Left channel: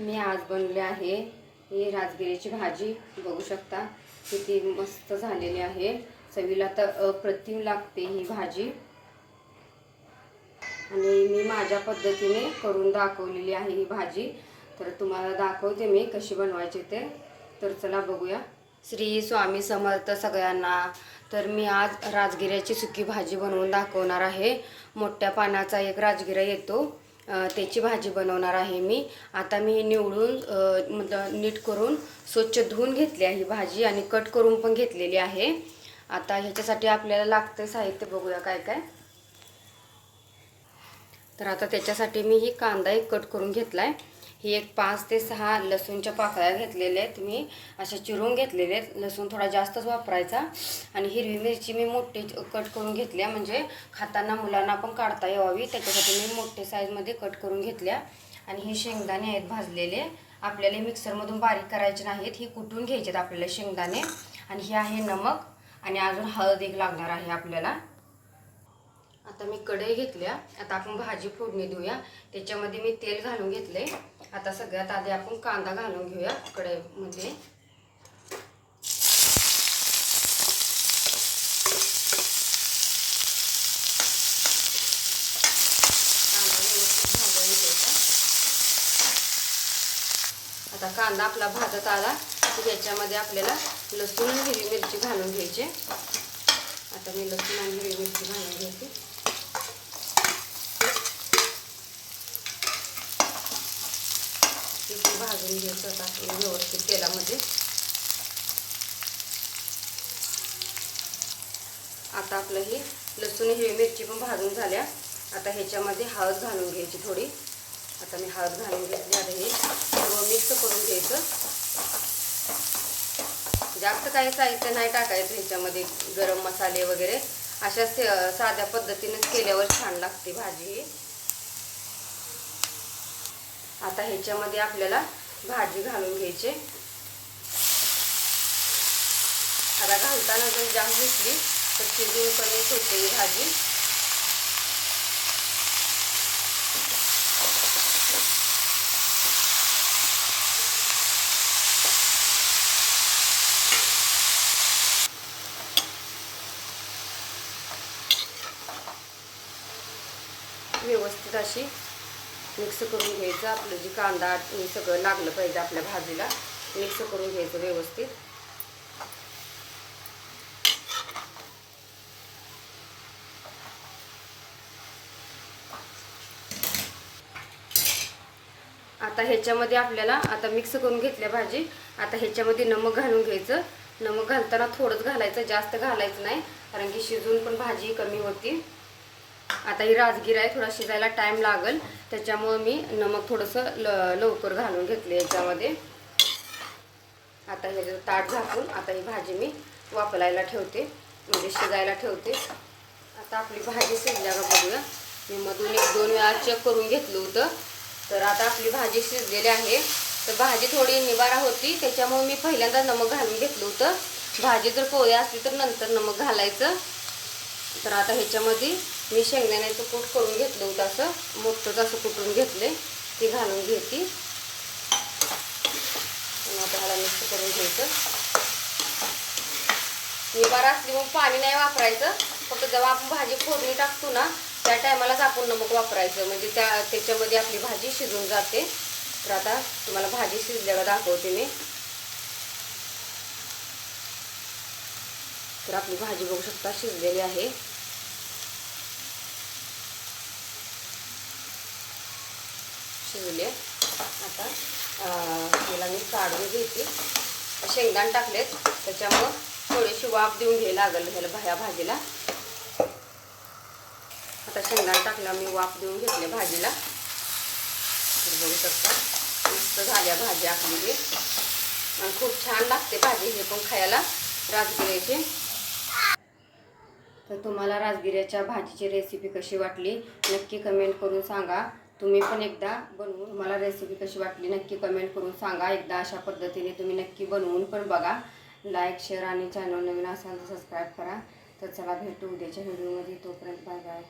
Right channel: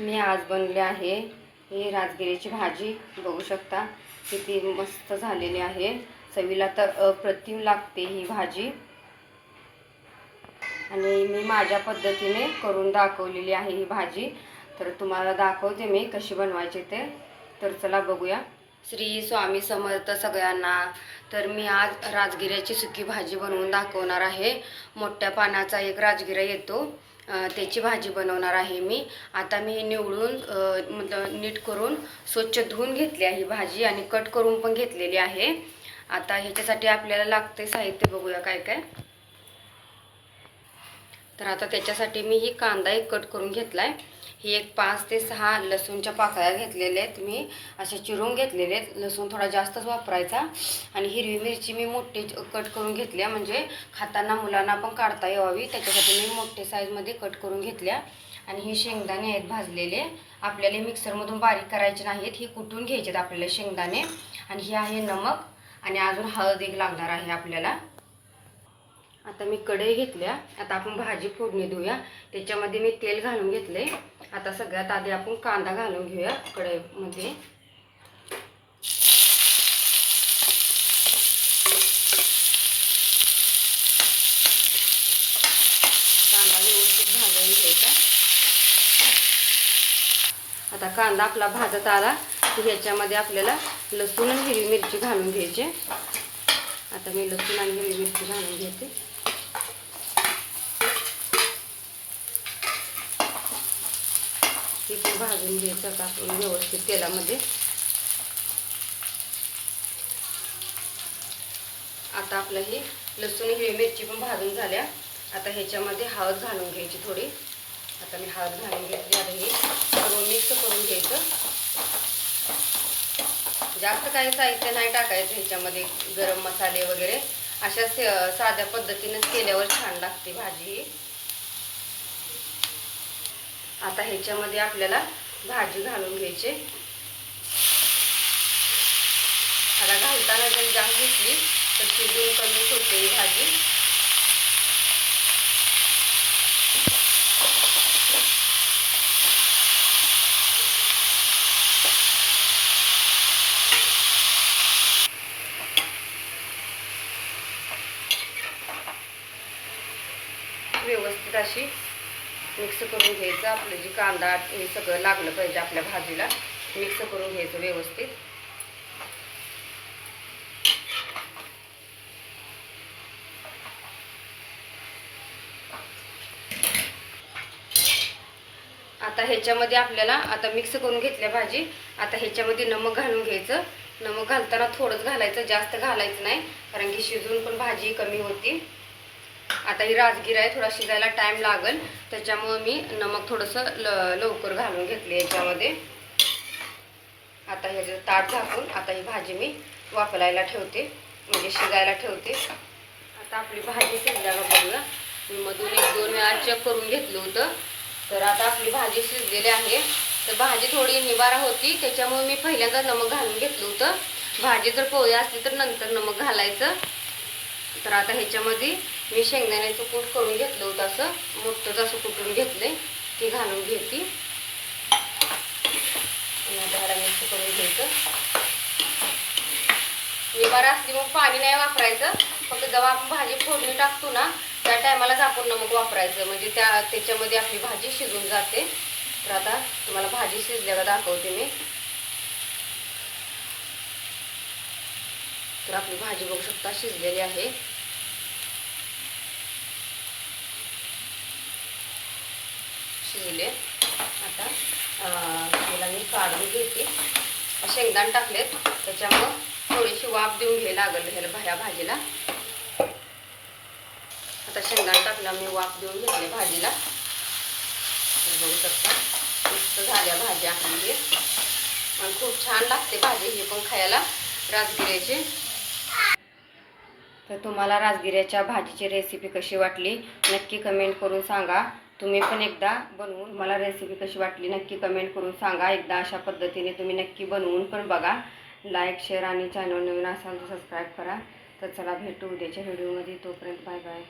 मी आज बनले आहे ही राजगिरीची भाजी. बघू शकता किती मस्त झालेली आहे. चवीला तर अप्रतिम लागते ही भाजी. आणि मी माझ्या पद्धतीने करून दाखवलेली आहे ही भाजी. तर तुम्हाला दाखवते मी कशी बनवायची ते. तर चला बघूया. श्री स्वामी समर्थ सगळ्यांना. तर मी आज राजगिऱ्याची सुकी भाजी बनवून दाखवणार आहे. मोठ्या पाण्याचा एक राजगिरा येतो. त्याची भाजी बनवणार आहे मी. आता मी निवडून मतलब नीट करून स्वच्छ धुवून घेतली आहे ही भाजी आणि कट करून पण घेतलेली आहे. आता ह्याच्यासाठी आपल्याला लागते साहित्य बघूया काय काय. तर आता त्याच्यासाठी मी ही कांदा एक कट करून घेतला आहे ही एक पाच ते सहा लसूणच्या पाकळ्या घेतलेल्या आहेत. मी अशा चिरून घेतलेले आहेत. लसूण थोडा जास्तच वापरायचा. आणि हिरवी मिरची मी मोठी कट करून घेतल्या. म्हणजे खाताना मुलांना पण काढता यावी. त्याच्यासाठी मी मोठे साईजमध्ये कट करून घेतल्या. आणि हे शेंगदाणे आहेत भाजलेले. आपल्याला मिक्सरमधून बारीक करायचे नाहीत. हे कुटून घ्यायचे आहेत आपल्याला शेंगदाणे? आणि हे आहे नमक. आणि अजून हळद एक लागणार आहे आपल्याला. आता मी कढई घेतल्या. आता आपण भाजी फोडणी देऊया. त्याच्यामध्ये मी तेल घालून घेतले आता सगळ्यात आधी आपण कांदा घालून घेऊया कढईमध्ये. कांदा व्यवस्थित भाजून घ्यायचा. आता कांदा आपला भाजत आला ह्याच्यामध्ये आपल्याला लसूण आणि हिरवी मिरची घालून घ्यायची. आता मी लसूण आणि हिरवी मिरची घालून घेते ती पण भाजून घ्यायचं आता आपण व्यवस्थित तेलामध्ये. आता आपलं हे लसूण हिरवी मिरची पण भाजून झाल्या. आता ह्याच्यामध्ये हळद घालून घ्यायची थोडी. आता मी हळद घालून घेतली. आता हे सर्व मिक्स करून घ्यायचं. जास्त काही साहित्य नाही टाकायचं ह्याच्यामध्ये गरम मसाले वगैरे. अशा साध्या पद्धतीनेच केल्यावर छान लागते भाजी. ही आता ह्याच्यामध्ये आपल्याला भाजी घालून घ्यायची. आता घालताना जर जाम घेतली तर चिरून कमी होते ही भाजी. व्यवस्थित अशी मिक्स करून घ्यायचं आपलं जी कांदा हे सगळं लागलं पाहिजे आपल्या भाजीला. मिक्स करून घ्यायचं व्यवस्थित. आता ह्याच्यामध्ये आपल्याला आता मिक्स करून घेतल्या भाजी आता ह्याच्यामध्ये नमक घालून घ्यायचं. नमक घालताना थोडंच घालायचं जास्त घालायचं नाही कारण की शिजून पण भाजी कमी होती. आता ही राजगिरा आहे थोडा शिजायला टाईम लागेल. त्याच्यामुळे मी नमक थोडंसं ल लवकर घालून घेतले याच्यामध्ये. आता हे ताट झाकून आता ही भाजी मी वापरायला ठेवते म्हणजे शिजायला ठेवते. आता आपली भाजी शिजल्यावर बघूया मी मधून एक दोन वेळा चेक करून घेतलं होतं. तर आता आपली भाजी शिजलेली आहे. तर भाजी थोडी निवारा होती त्याच्यामुळे मी पहिल्यांदा नमक घालून घेतलं होतं. भाजी जर पोळी असली तर नंतर नमक घालायचं. तर आता ह्याच्यामध्ये मी शेंगदाण्याचं कूट करून घेतलं होतं असं. मोठंच असं कुटून घेतलंय ती घालून घेते. त्याला मिक्स करून घ्यायचं निवारा असली मग पाणी नाही वापरायचं. फक्त जेव्हा आपण भाजी फोडणी टाकतो ना त्या टायमालाच आपण नमक वापरायचं. म्हणजे त्या त्याच्यामध्ये आपली भाजी शिजून जाते. तर आता तुम्हाला भाजी शिजल्यावर दाखवते मी. तर आपली भाजी बघू शकता शिजलेली आहे. शिजले आता मला मी काढून घेते. शेंगदाण टाकलेत. त्याच्यामुळं थोडीशी वाफ देऊन घ्यायला लागेल ह्याला भाया भाजीला. आता शेंगदाण टाकला मी वाफ देऊन घेतले भाजीला. बघू शकता मस्त झाल्या भाजी आपली. हे खूप छान लागते भाजी हे पण खायला. राजगिऱ्याची. तर तुम्हाला राजगिऱ्याच्या भाजीची रेसिपी कशी वाटली नक्की कमेंट करून सांगा. तुम्ही पण एकदा बनवून मला रेसिपी कशी वाटली नक्की कमेंट करून सांगा. एकदा अशा पद्धतीने तुम्ही नक्की बनवून पण बघा. लाईक शेअर आणि चॅनल नवीन असाल तर सबस्क्राईब करा. तर चला भेटू उद्याच्या व्हिडिओमध्ये तोपर्यंत बाय बाय